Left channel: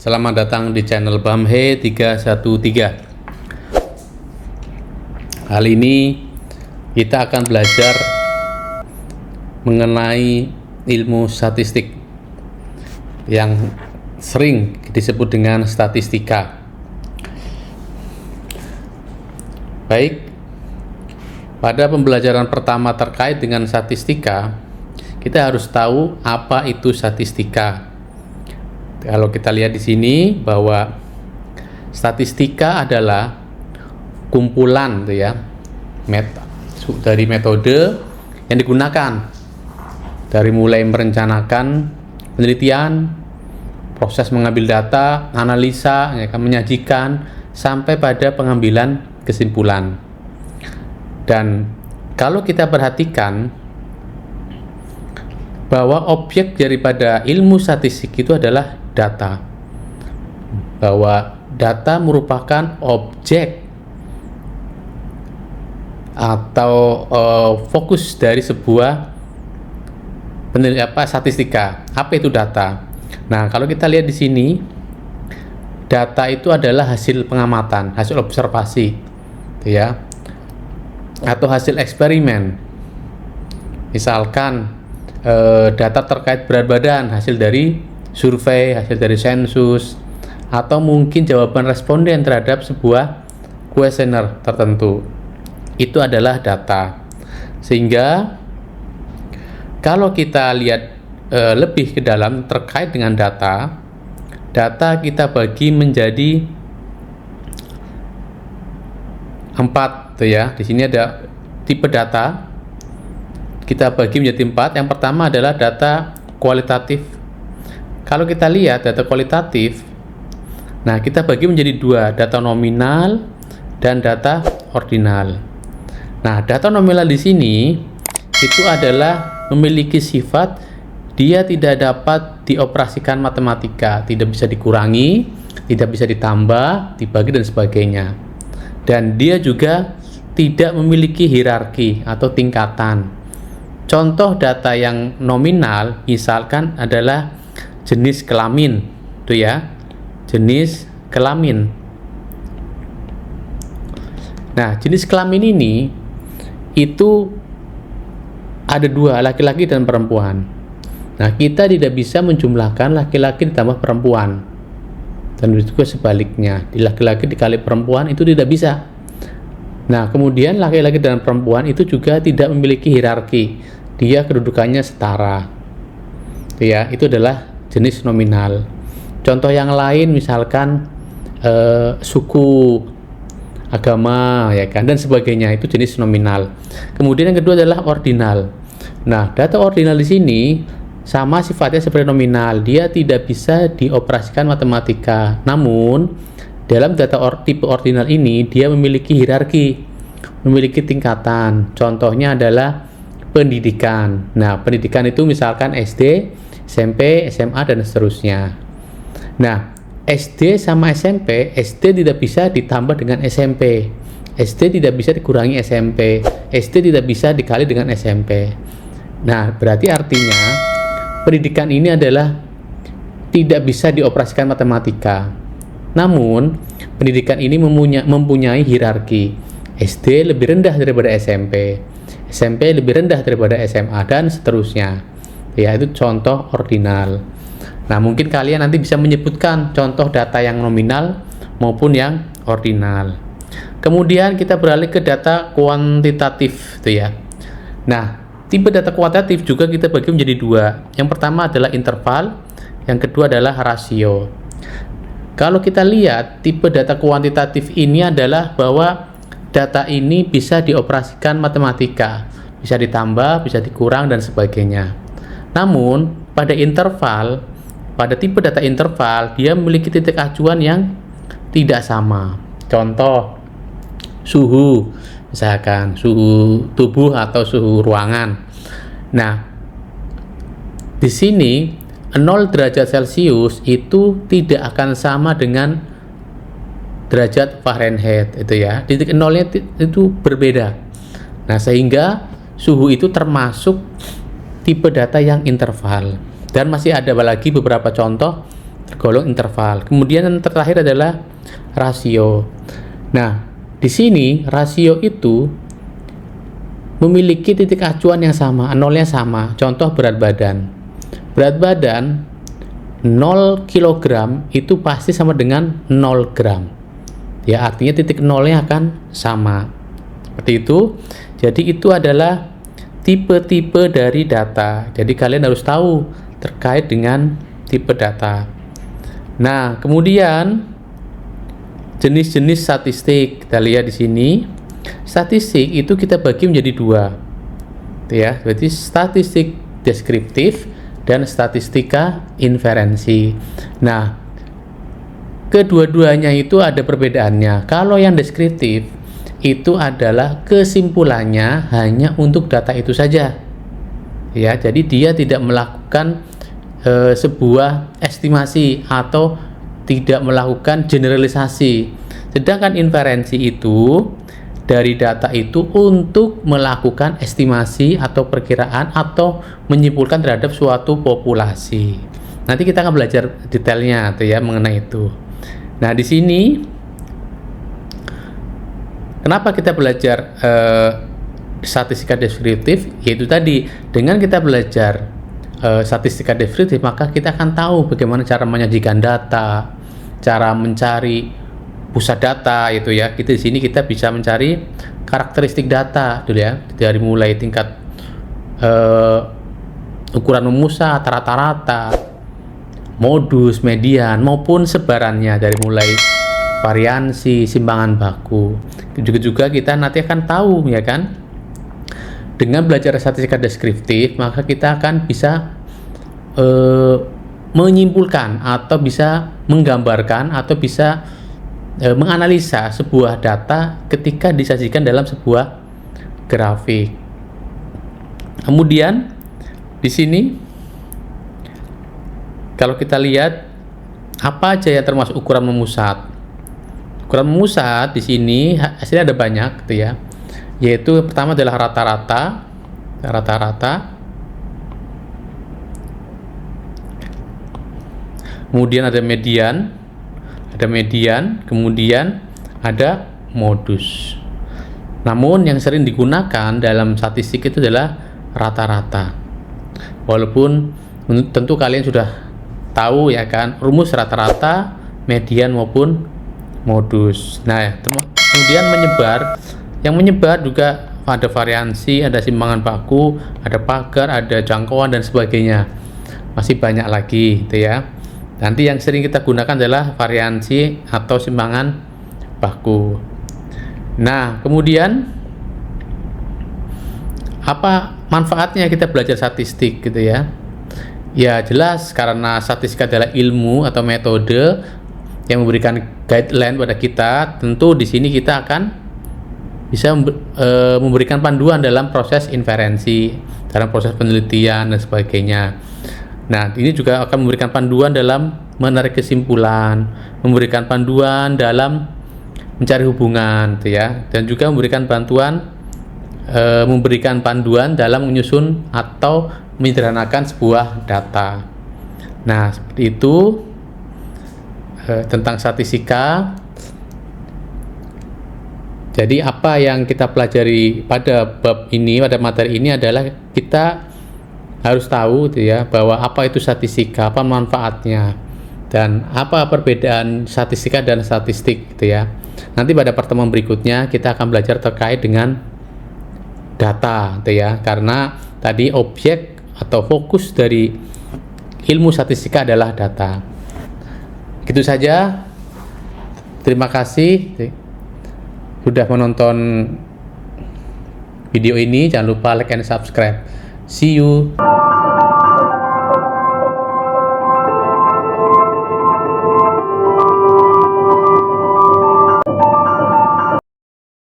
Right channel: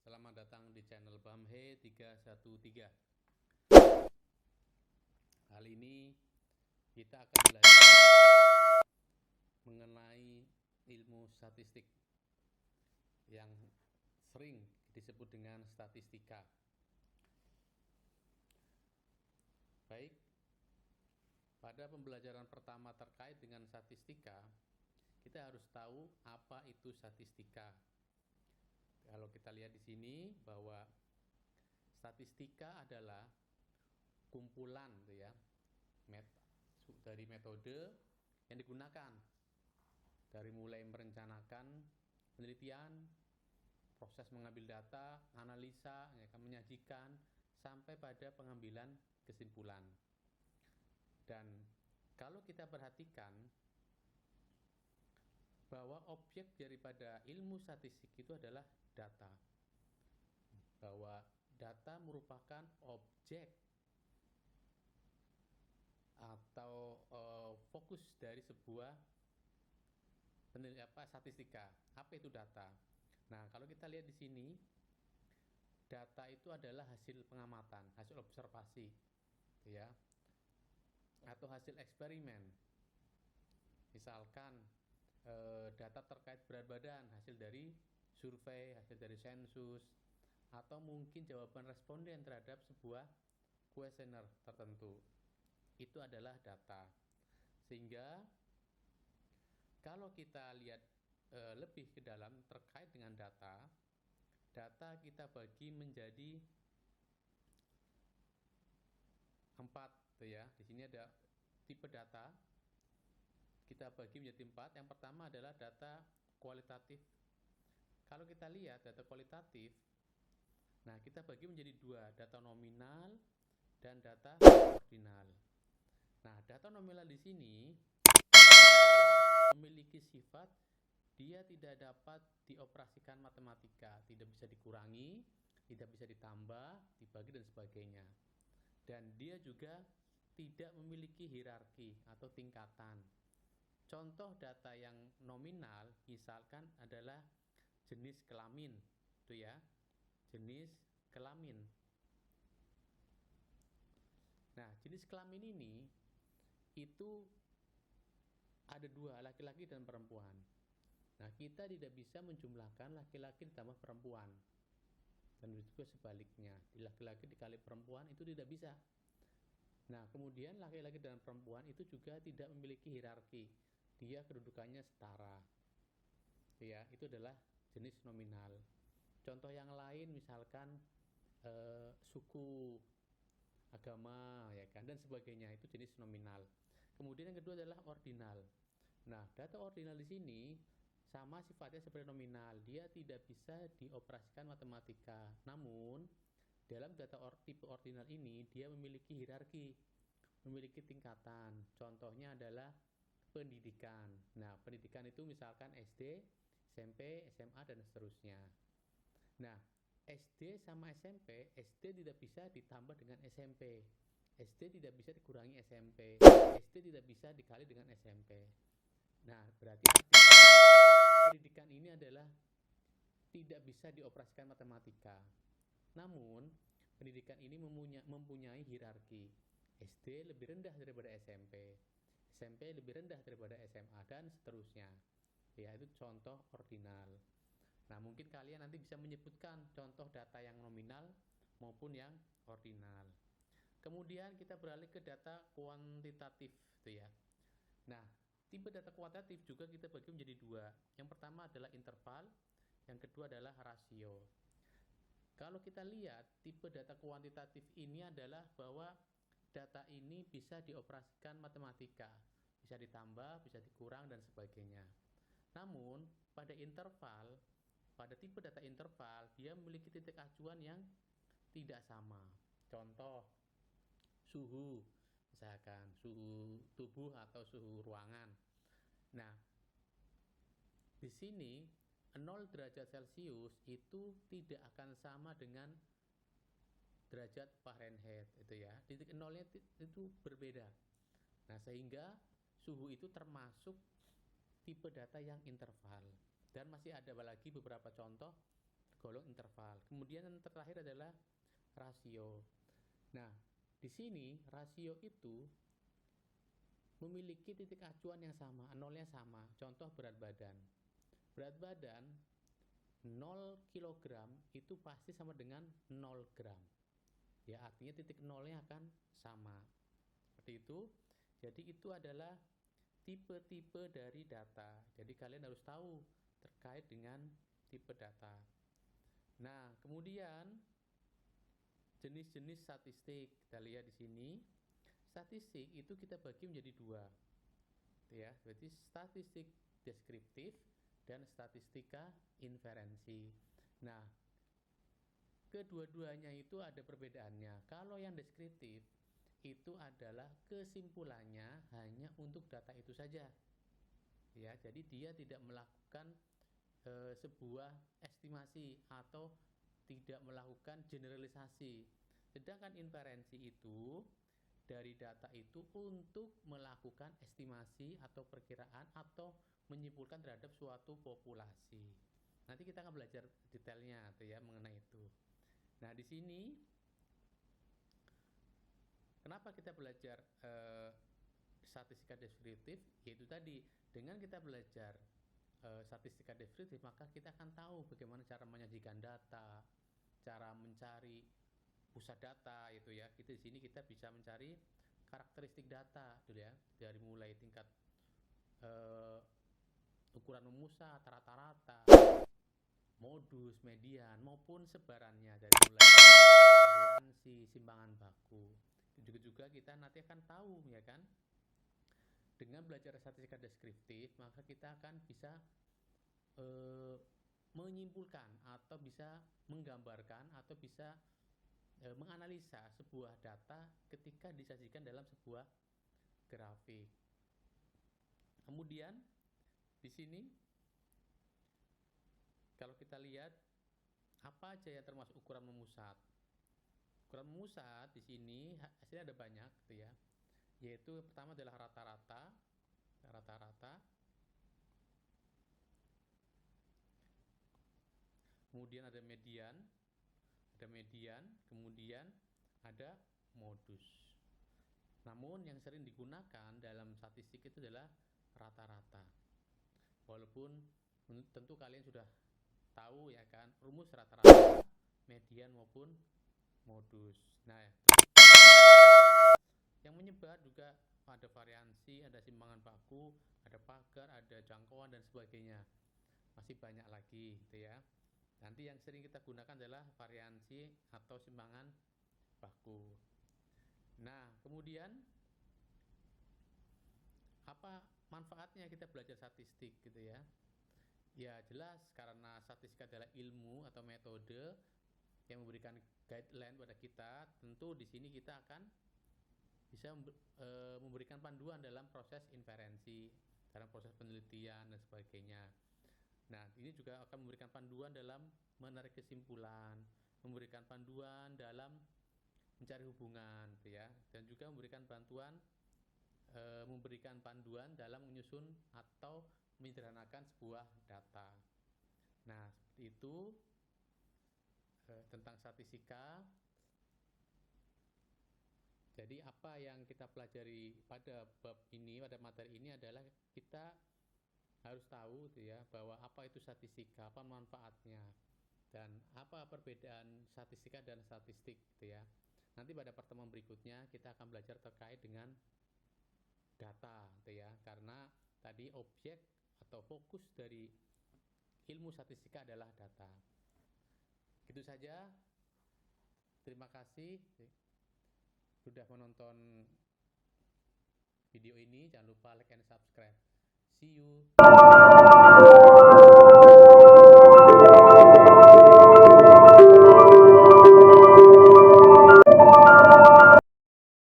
Selamat datang di channel Bamhe 313. Kali ini kita akan belajar mengenai ilmu statistik yang sering disebut dengan statistika. Baik, pada pembelajaran pertama terkait dengan statistika, kita harus tahu apa itu statistika. Kalau kita lihat di sini bahwa statistika adalah kumpulan dari metode yang digunakan dari mulai merencanakan penelitian, proses mengambil data, analisa, menyajikan sampai pada pengambilan kesimpulan. Dan kalau kita perhatikan bahwa objek daripada ilmu statistik itu adalah data, bahwa data merupakan objek atau fokus dari sebuah statistika. Apa itu data? Nah, kalau kita lihat di sini, data itu adalah hasil pengamatan, hasil observasi, atau hasil eksperimen. Misalkan data terkait berat badan, hasil dari survei, hasil dari sensus, atau mungkin jawaban responden terhadap sebuah kuesioner tertentu. Itu adalah data. Sehingga kalau kita lihat lebih ke dalam terkait dengan data kita bagi menjadi 4 Di sini ada tipe data. Kita bagi menjadi 4. Yang pertama adalah data kualitatif. Kalau kita lihat data kualitatif, nah kita bagi menjadi 2, data nominal dan data ordinal. Nah, data nominal di sini itu adalah memiliki sifat dia tidak dapat dioperasikan matematika, tidak bisa dikurangi, tidak bisa ditambah, dibagi dan sebagainya. Dan dia juga tidak memiliki hierarki atau tingkatan. Contoh data yang nominal misalkan adalah jenis kelamin, jenis kelamin. Nah, jenis kelamin ini itu ada 2, laki-laki dan perempuan. Nah, kita tidak bisa menjumlahkan laki-laki ditambah perempuan, dan juga sebaliknya, di laki-laki dikali perempuan itu tidak bisa. Nah, kemudian laki-laki dan perempuan itu juga tidak memiliki hierarki, dia kedudukannya setara. Itu adalah jenis nominal. Contoh yang lain misalkan suku, agama, dan sebagainya, itu jenis nominal. Kemudian yang kedua adalah ordinal. Nah, data ordinal di sini sama sifatnya seperti nominal, dia tidak bisa dioperasikan matematika. Namun dalam data tipe ordinal ini dia memiliki hierarki, memiliki tingkatan. Contohnya adalah pendidikan. Nah, pendidikan itu misalkan SD, SMP, SMA, dan seterusnya. Nah, SD sama SMP, SD tidak bisa ditambah dengan SMP, SD tidak bisa dikurangi SMP, SD tidak bisa dikali dengan SMP. Nah, berarti artinya pendidikan ini adalah tidak bisa dioperasikan matematika. Namun, pendidikan ini mempunyai hierarki. SD lebih rendah daripada SMP, SMP lebih rendah daripada SMA, dan seterusnya. Itu contoh ordinal. Nah, mungkin kalian nanti bisa menyebutkan contoh data yang nominal maupun yang ordinal. Kemudian kita beralih ke data kuantitatif, Nah, tipe data kuantitatif juga kita bagi menjadi 2. Yang pertama adalah interval, yang kedua adalah rasio. Kalau kita lihat tipe data kuantitatif ini adalah bahwa data ini bisa dioperasikan matematika, bisa ditambah, bisa dikurang, dan sebagainya. Namun pada tipe data interval, dia memiliki titik acuan yang tidak sama. Contoh, suhu, misalkan suhu tubuh atau suhu ruangan. Nah, di sini 0 derajat Celcius itu tidak akan sama dengan derajat Fahrenheit, titik nolnya itu berbeda. Nah, sehingga suhu itu termasuk tipe data yang interval. Dan masih ada lagi beberapa contoh tergolong interval. Kemudian yang terakhir adalah rasio. Nah, di sini rasio itu memiliki titik acuan yang sama, nolnya sama. Contoh berat badan. Berat badan 0 kg itu pasti sama dengan 0 gram. Ya, artinya titik nolnya akan sama. Seperti itu. Jadi itu adalah tipe-tipe dari data. Jadi kalian harus tahu terkait dengan tipe data. Nah, kemudian jenis-jenis statistik. Kita lihat di sini. Statistik itu kita bagi menjadi dua. Ya, berarti statistik deskriptif dan statistika inferensi. Nah, kedua-duanya itu ada perbedaannya. Kalau yang deskriptif itu adalah kesimpulannya hanya untuk data itu saja. Ya, jadi dia tidak melakukan sebuah estimasi atau tidak melakukan generalisasi. Sedangkan inferensi itu dari data itu untuk melakukan estimasi atau perkiraan atau menyimpulkan terhadap suatu populasi. Nanti kita akan belajar detailnya ya mengenai itu. Nah, di sini kenapa kita belajar statistika deskriptif? Yaitu tadi dengan kita belajar statistika deskriptif, maka kita akan tahu bagaimana cara menyajikan data, cara mencari pusat data itu ya. Kita di sini kita bisa mencari karakteristik data dulu ya, dari mulai tingkat ukuran memusat, rata-rata, modus, median maupun sebarannya, dari mulai variansi, simpangan baku. Juga kita nanti akan tahu ya kan. Dengan belajar statistika deskriptif, maka kita akan bisa menyimpulkan atau bisa menggambarkan atau bisa menganalisa sebuah data ketika disajikan dalam sebuah grafik. Kemudian di sini kalau kita lihat apa aja yang termasuk ukuran memusat. Ukuran memusat di sini hasilnya ada banyak gitu ya. Yaitu pertama adalah rata-rata. Kemudian ada median, kemudian ada modus. Namun yang sering digunakan dalam statistik itu adalah rata-rata. Walaupun tentu kalian sudah tahu ya kan rumus rata-rata, median maupun modus. Nah, kemudian menyebar. Yang menyebar juga ada variansi, ada simpangan baku, ada pagar, ada jangkauan dan sebagainya. Masih banyak lagi gitu ya. Nanti yang sering kita gunakan adalah variansi atau simpangan baku. Nah, kemudian apa manfaatnya kita belajar statistik gitu ya? Ya jelas, karena statistik adalah ilmu atau metode yang memberikan guideline pada kita. Tentu di sini kita akan bisa memberikan panduan dalam proses inferensi, dalam proses penelitian dan sebagainya. Nah, ini juga akan memberikan panduan dalam menarik kesimpulan, memberikan panduan dalam mencari hubungan, gitu ya, dan juga memberikan panduan dalam menyusun atau menyederhanakan sebuah data. Nah, seperti itu tentang statistika. Jadi apa yang kita pelajari pada bab ini, pada materi ini adalah kita harus tahu gitu ya, bahwa apa itu statistika, apa manfaatnya, dan apa perbedaan statistika dan statistik gitu ya. Nanti pada pertemuan berikutnya kita akan belajar terkait dengan data gitu ya, karena tadi objek atau fokus dari ilmu statistika adalah data. Gitu saja. Terima kasih sudah menonton video ini. Jangan lupa like and subscribe. See you.